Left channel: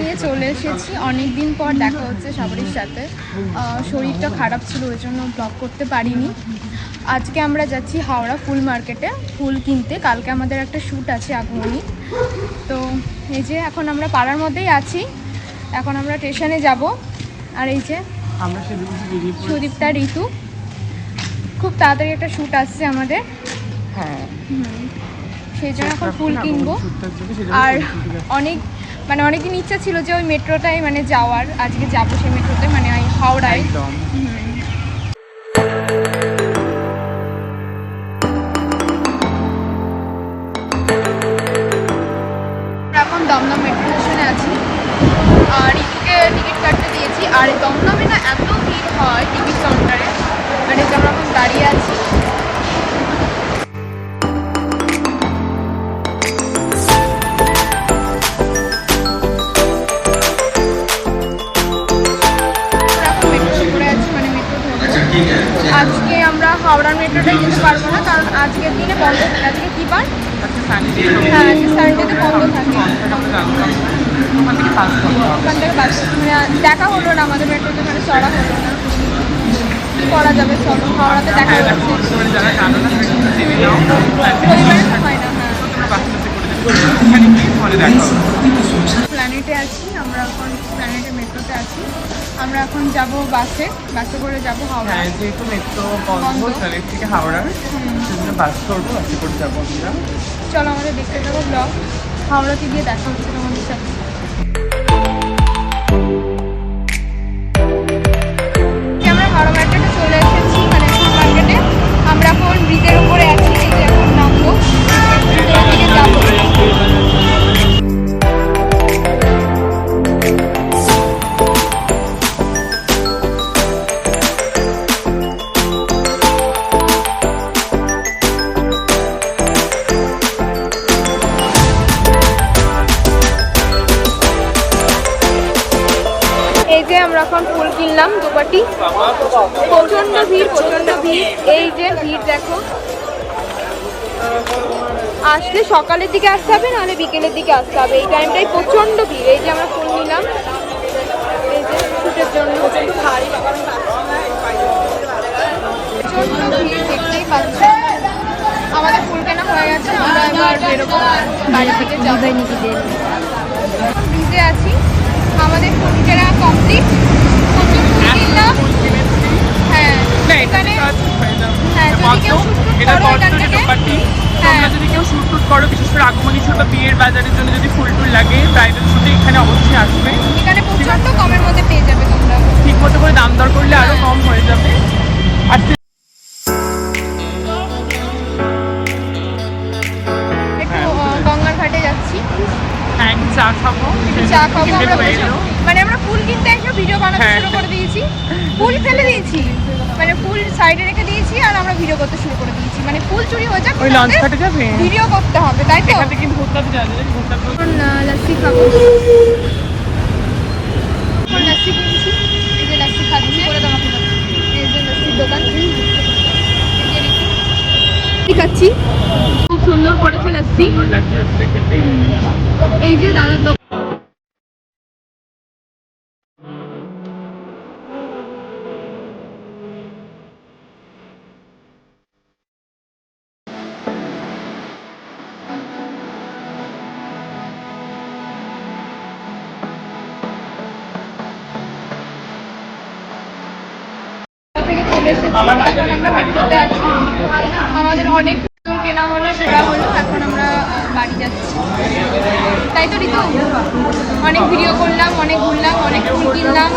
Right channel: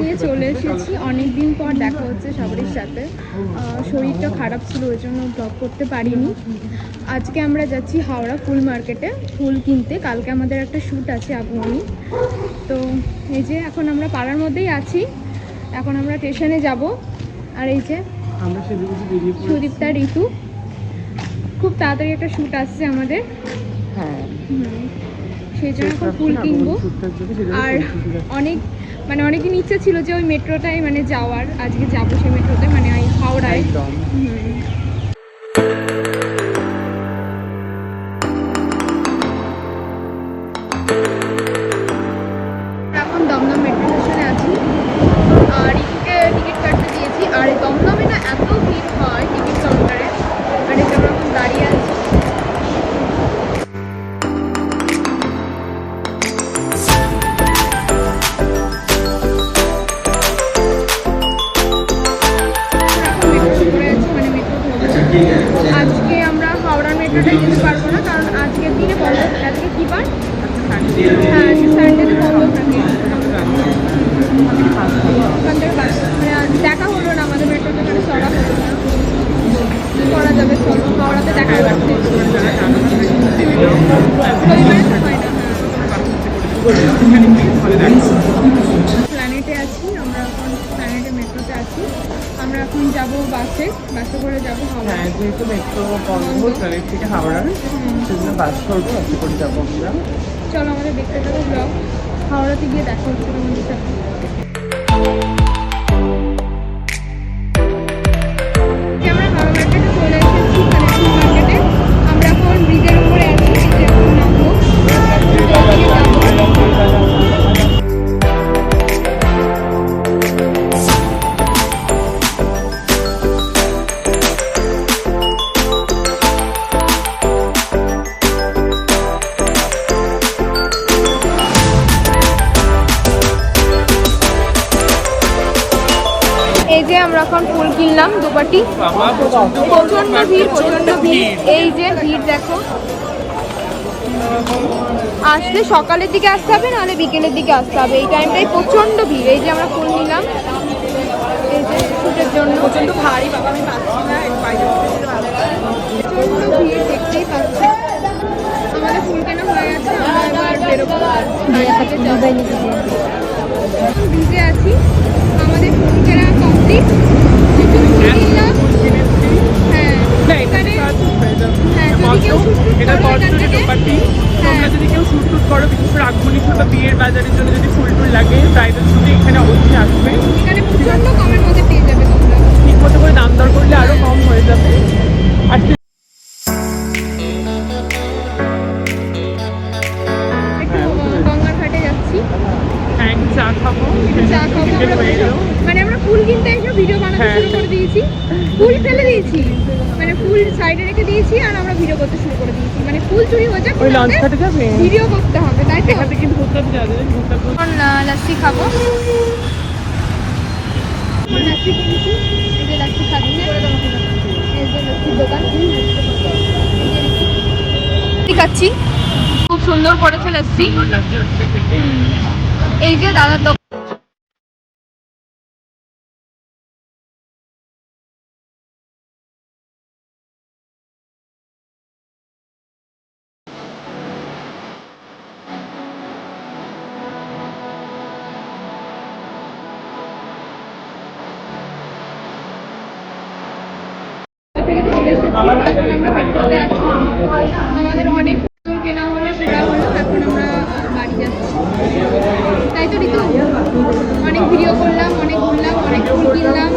নিয়ে চলে এসেছি। অনেক দিন পর দেখা হচ্ছে সবারই সাথে। শরীরটা খারাপ ছিল, ওই জন্য ব্লগ করতে পারিনি। আজকে আমরা যাচ্ছি হাওড়া ফুল মার্কেটে ফুল কিনতে। কালকে আমাদের একটা শ্যুট আছে আগমনী। তো এই যে এখন আমরা পাড়ার মধ্যেই আছি, এখন আমরা স্টেশনে যাব। আর এই যে আমরা সুদীপ্তা, ঋতু, খুব তাড়াতাড়ি একটা শ্যুট আসছে আমাদের। সেই জন্য এখন ফুল কিনবো। আর অনেকদিন ইচ্ছা ছিল যে ওই মেট্রোটায় যাওয়ার, আজকে যাবো সেই মেট্রোতে, হাওড়ায়। এখন দমদম মেট্রো স্টেশনে আছি আর ঋতুকে টিকিট কাটতে দিয়েছি। আর দমদমে না এত ভিড় হয় টিকিট কাউন্টারে, আমরা এখন দাঁড়িয়ে আছি। আজকে আমরা হাওড়ার মেট্রোটায় যেতে পারবো না, কারণ আজকের দিনে বন্ধ। আজকে কি বার? সানডেতে বন্ধ থাকে। দেখা হলো না আমাদের মেট্রোতে, চড়া হলো না। করা যাবে, চলো হাওড়াতে দেখা হয় না। প্ল্যানেটে আছি আমরা এখন, প্ল্যানেটের মেট্রোতে আছি। আমরা এখন যাব বাসে করে যাব হাওড়া। চলো আমাদের দেখতে থাকো ব্লগ। হাওড়াতে গিয়ে দেখা হচ্ছে তোমাদের সাথে। আমরা হাওড়া মার্কেটে চলে এসেছি, ফুল মার্কেটে। আমরা এখন ব্রিজের উপরে আছি, এই যে এখন নামবো, যাবো। আসলে সকালের দিকে আসতে হবে, নাহলে বিকেলের দিকে আসতে হবে। এই টাইমটাই প্রচন্ড ভিড়। এই যে আমরা ফুল নিলাম, প্রচন্ড ভিড় দেখতেই পাচ্ছে। আমাদের ফুল কেনা হয়ে গেছে, আমরা এবার বেরোবো বাড়ি থেকে। এখন ভিজে আছি, আমাদের ফুল কেনা কমপ্লিট। প্রচুর ফুল কিনলাম। হ্যাঁ এখানে, হ্যাঁ যদি কেউ শুট করো এখান থেকে, হ্যাঁ যদি কেউ শুট করো, বিশেষ করে আগমনী ছোট বিয়ের বাজারের জন্য যদি ফুল লাগে ব্রাইডাল শুটে এখানে অবশ্যই আসবে। এখানে প্রচন্ড কমের মধ্যে পেয়ে যাবে তোমরা। ঠিক মতো করে দাম দর করলে আরো কম হয়ে যাবে। আর একটু গঙ্গার ঘাটে যাচ্ছি, একটু চা খাবো। আমরা ফুল কিনতে এসে ভিডিও বানাতে শুরু করে দিয়েছি। ফুল ফেলে দিয়েছি, ফুল সাইডে রেখে দিয়েছি, আর আমরা ভিডিও করতে শুরু করে দিয়েছি। ফুল চুরি হয়ে যাক, ভিডিও করতে হবে, তাই তো? এখন লস্যি খাবো, লস্যি কিনছি, লস্যি খাচ্ছি। খাচ্ছি, খুব সুন্দর করেছে লস্যি। এই যে দাদার দোকান। আমাদের অনেক ফুল কেনা হলো, ঘোরা হলো, এখন আমরা বাড়ি যাচ্ছি, তাই তো ঋতু? অনেক ভিডিও করলাম, অনেক ঘুরলাম, অনেক ফুল কিনলাম।